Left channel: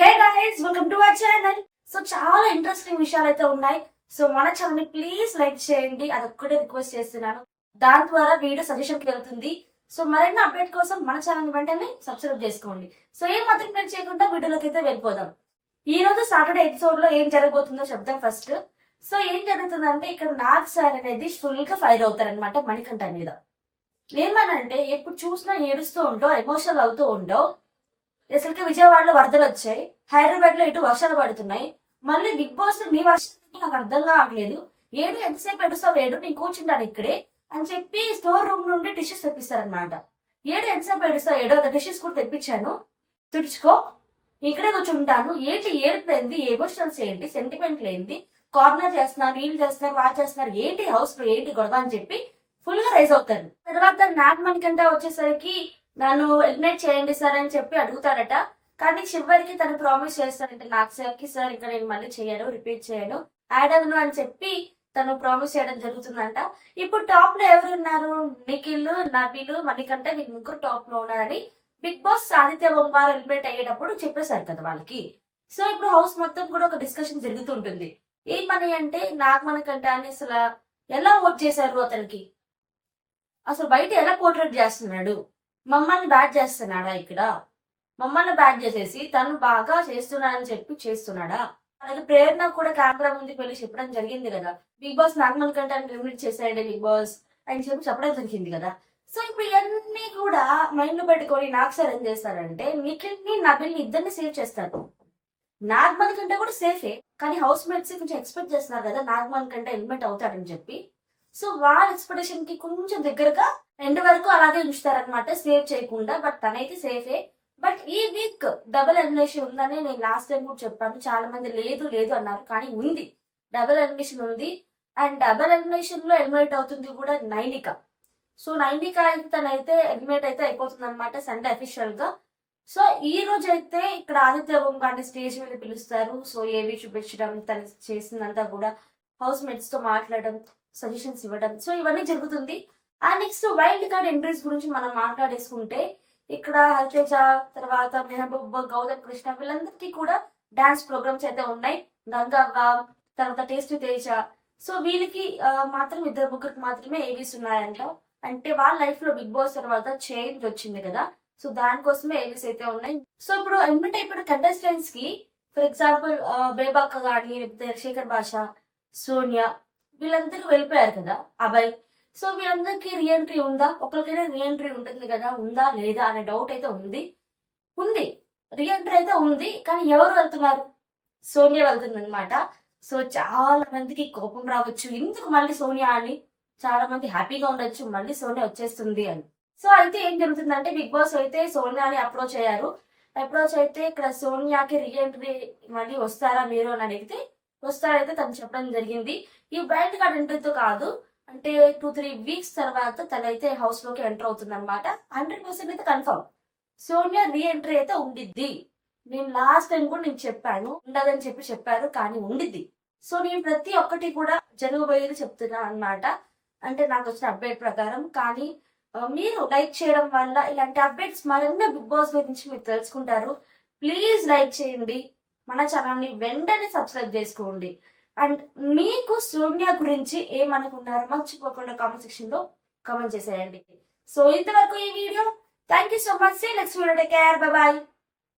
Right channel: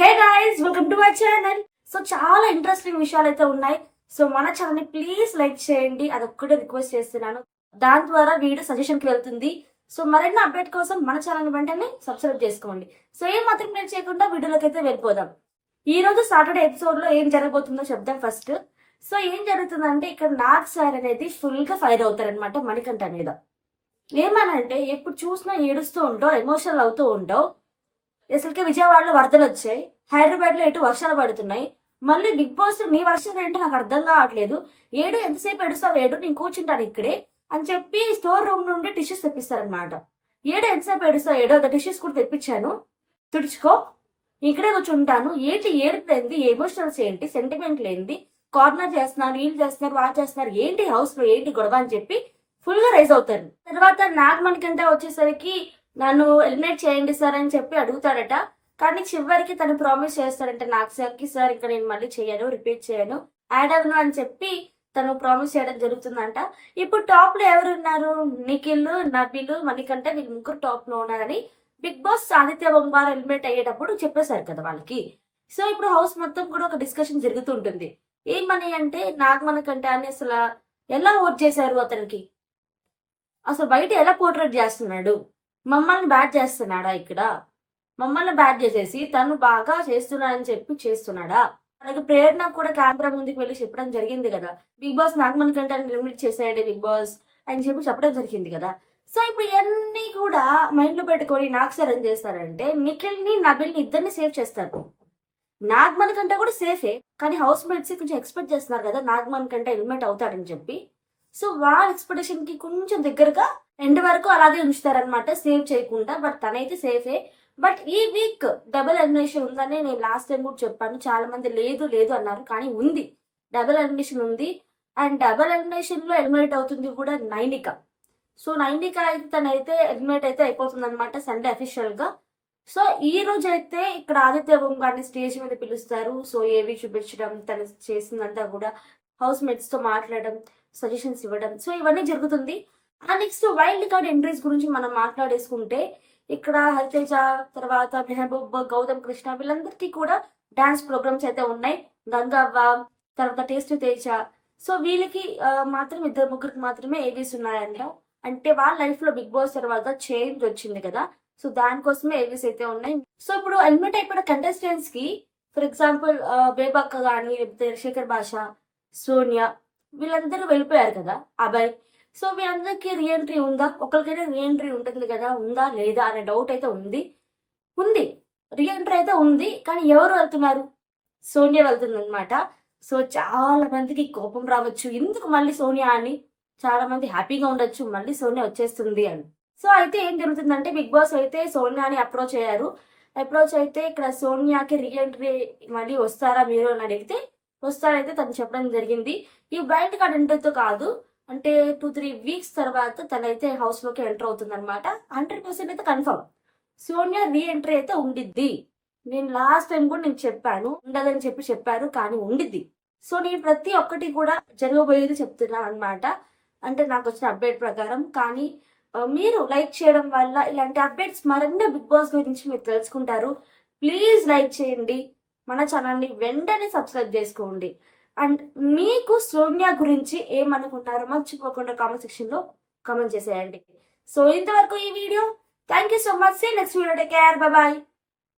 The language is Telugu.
Hey guys, welcome to our channel. So చాలా ఇంట్రెస్టింగ్ విషయాలు అయితే ఉన్నాయి. సో మన ఛానల్ ని ప్లీజ్ లైక్ చేయండి, అదొక్కటే రిక్వెస్ట్ చేస్తున్నాను. దాని ద్వారా వీడియో సజెషన్ కి వెళ్తుంది. సో మరిన్ని అప్డేట్ కోసం మన ఛానల్ వెంటనే సబ్స్క్రైబ్ చేసుకోండి. సో ఏం మాత్రం నేను చేయకుండా వీడియోలోకి అయితే వెళ్ళిపోదాం. ఈ రోజు సాటర్డే ఎపిసోడ్ లో ఏం జరగబోతుందో చెప్దాం ఫస్ట్. సో ఏం జరుగుతుందంటే ఇక్కడ నాగ్ సార్ అనేది ఫుల్ గా ఫైర్ అవుతారనమాట మణికంఠ మీద. ఏమనంటే ఎప్పుడు చూసినా ఏడుస్తూ ఉంటావు, ఎమోషనల్ అవుతూ ఉంటావు. అసలుకే విజయవాడలో వరదలు వచ్చాయి, హైదరాబాద్ లో ఎటు వర్షాలు పడుతున్నాయి. మళ్ళీ బిగ్ బాస్ నీ వర్షం ఏంటో నాకు అర్థం కావట్లేదు. ఏడు ఎంతసేపు ఏడుస్తావు, ఏడు నేను కూర్చుంటాను ఇక్కడే అని చెప్పి స్టోర్ రూమ్ నుండి టిష్యూస్ తెప్పిస్తారనమాట. ఏడు ఎంతసేపు ఏడుస్తావు, ఏడో ఒక టిష్యూస్ కూడా తెప్పించాను, తుడుచుకో, ఇక్కడే కూర్చుంటాను. ఏంటి ఏడుపు ఏంది, ఎమోషనల్స్ ఏంటి, సెంటిమెంట్లు ఏంటి, కార్నర్ చేస్తున్నారు, వీళ్ళు చేస్తున్నారు, వాళ్ళు చేస్తున్నారు, ఏంటి హౌస్ లో ఏంటి గొడవ అని చెప్పి ఫుల్ గా రైజ్ అవుతారు. తర్వాత నాగ్ మణికంఠ వచ్చేసరికి నన్ను ఎలిమినేట్ చేయండి సార్ అని చెప్పి అడుగుతాడట. కానీ చివరికి తను ప్రామిస్ చేస్తాడంటే నాగ్ సార్ కి, సార్ ఇక్కడ నేను మళ్ళీ చేయను, రిపీట్ చేయను, యాడ్ అవ్వను అని చెప్పి తను ప్రామిస్ చేయడం జరుగుతుందంట. ఇప్పుడు టాప్ లో ఎవరున్నారు, నిఖిల్, నబీల్, మణికంఠ, వీళ్ళు ముగ్గురు టాప్ లో ఉన్నారని బిగ్ బాస్ ఆదిత్య బొంబార్ ఎలిమినేట్ అయ్యేటప్పుడు చెప్పేశారు కదా వాళ్ళకి. సో ఇప్పుడు హౌస్ మొత్తం కూడా ఒక డిస్కషన్ జరుగుతుంటుంది. ఏమని అంటే నాగ్ మణికంఠ అని అసలు ఎలా ఓట్ చేశారు, అతనికి అసలు బయట ఎలా పోర్ట్రేట్ చేస్తున్నాడు, మమ్మల్ని బ్యాట్ చేస్తున్నాడా, ఇక్కడ మమ్మల్ని బ్యాట్ చేసేసి తను బాగా చేస్తున్నాడని చెప్పి చేస్తున్నాడా. అలాగే ప్రేరణ కూడా కెమెరా ముందుకు వెళ్ళి చెప్పడం జరిగింది కదా, big boss Nag Manikanta eliminate చేశాడే బిగ్ బాస్ అని చెప్పి చెప్పడం జరిగింది కదా. సో ఇప్పుడు ఇవన్నీ కూడా మైండ్ లో పెట్టుకొని నాగ్ సార్ ఏం చేస్తారంటే నిఖిల్ ని, నబిల్ ని ఇద్దరిని సేవ్ చేస్తారు. నాగ్ మణికంఠ కూడా సేఫే, కానీ హౌస్ మేట్స్ కొంచెం ఎక్స్పెక్ట్ చేస్తున్నారు కదా నాగ్ మణికంఠ ఎలిమినేట్ అవుతాడని చెప్పి. సో వాళ్ళ ఎక్స్పెక్టేషన్ కి కొంచెం దగ్గరగా ఎండ్ వరకు అలాగే ఉంచుతారనమాట, సేవ్ చేయకుండా. బట్ తనైతే సేఫే. బట్ ఈ వీక్ డబుల్ ఎలిమినేషన్ ఉందని నేను లాస్ట్ టైం కూడా చెప్పాను. చాలా మంది లేదు లేదు అన్నారు, కానీ ఉంది, డబుల్ ఎలిమినేషన్ ఉంది. అండ్ డబుల్ ఎలిమినేషన్ లో ఎలిమినేట్ అవుతుంది కూడా నైనిక. సో నైనిక అయితే తనైతే ఎలిమినేట్ అయితే అయిపోతుంది అనమాట సండే అఫీషియల్ గా. సో ఈ రోజు అయితే ఇక్కడ ఆదిత్య గారిని స్టేజ్ మీద పిలుస్తారు. సో ఏవి చూపించడం, తను చేసిందంతా కూడా హౌస్ మేట్స్ తో మాట్లాడడం, సజెషన్స్ ఇవ్వడం, సో ఇవన్నీ జరుగుతుంది. And next wild card entries గురించి మనం మాట్లాడేసుకుంటే ఇక్కడ హరితేజ, తర్వాత మెహబూబ్, గౌతమ్ కృష్ణ, వీళ్ళందరికీ కూడా డాన్స్ ప్రోగ్రామ్స్ అయితే ఉన్నాయి. గంగవ్వ, తర్వాత టేస్టీ తేజ. సో వీళ్ళకి మాత్రం ఇద్దరు ముగ్గురికి మాత్రమే ఏవీస్ ఉన్నాయంట. అంటే వాళ్ళ లైఫ్ లో బిగ్ బాస్ తర్వాత చేంజ్ వచ్చింది కదా, సో దానికోసమే ఏవీస్ అయితే ఉన్నాయి. సో ఇప్పుడు ఎలిమినేట్ అయిపోయిన కంటెస్టెంట్స్ కి ఫర్ ఎగ్జాంపుల్ బేబక్క గాని, లేకపోతే శేఖర్ భాష, సోనియా, వీళ్ళందరూ వెళ్ళిపోయారు కదా అబ్బాయి. సో వీళ్ళందరికీ రీఎంట్రీ ఉందా, ఒకరికైనా రీఎంట్రీ ఉంటుంది కదా, ఉందా లేదా అనే డౌట్ అయితే ఉంది. రీఎంట్రీ అయితే ఉంది, కానీ ఎవరు వెళ్తున్నారు, సోనియా వెళ్తుంది అనమాట. సో చాలా మందికి కోపం రావచ్చు, ఎందుకు మళ్ళీ సోనియా అని, చాలా మంది హ్యాపీగా ఉండొచ్చు మళ్ళీ సోనియా వచ్చేస్తుంది అని. సో అయితే ఏం జరుగుతుందంటే బిగ్ బాస్ అయితే సోనియాని అప్రోచ్ అయ్యారు. అప్రోచ్ అయితే ఇక్కడ సోనియాకి రీఎంట్రీ మళ్ళీ వస్తారా మీరు అని అడిగితే వస్తారైతే తను చెప్పడం జరిగింది. ఈ వైల్డ్ కార్డ్ ఎంట్రీతో కాదు, అంటే 2-3 వీక్స్ తర్వాత తనైతే హౌస్ లోకి ఎంటర్ అవుతుంది అనమాట. 100% అయితే కన్ఫర్మ్ సోనియా రీఎంట్రీ అయితే ఉండిద్ది. నేను లాస్ట్ టైం కూడా నేను చెప్పాను ఉండదని చెప్పారు, కానీ ఉండిద్ది. సో నేను ప్రతి ఒక్కటి కూడా జరగబోయేది చెప్తున్నాను అనమాట, అంటే నాకు వచ్చిన అప్డేట్ ప్రకారం. కానీ మీరు లైక్ చేయడం వల్ల ఇలాంటి అప్డేట్స్ మరెన్నో బిగ్ బాస్ గురించి మీరు తెలుసుకుంటారు. ప్లీజ్ లైక్ చేయండి, మన ఛానల్ని వెంటనే సబ్స్క్రైబ్ చేసుకోండి. అండ్ మీకు సోనియా గురించి ఏమనుకున్నారో మర్చిపోకుండా కామెంట్ సెక్షన్ లో కామెంట్ చేసేయండి. సో ఇంతవరకు ఈ వీడియో. Thank you so much. Next video, take care, bye bye.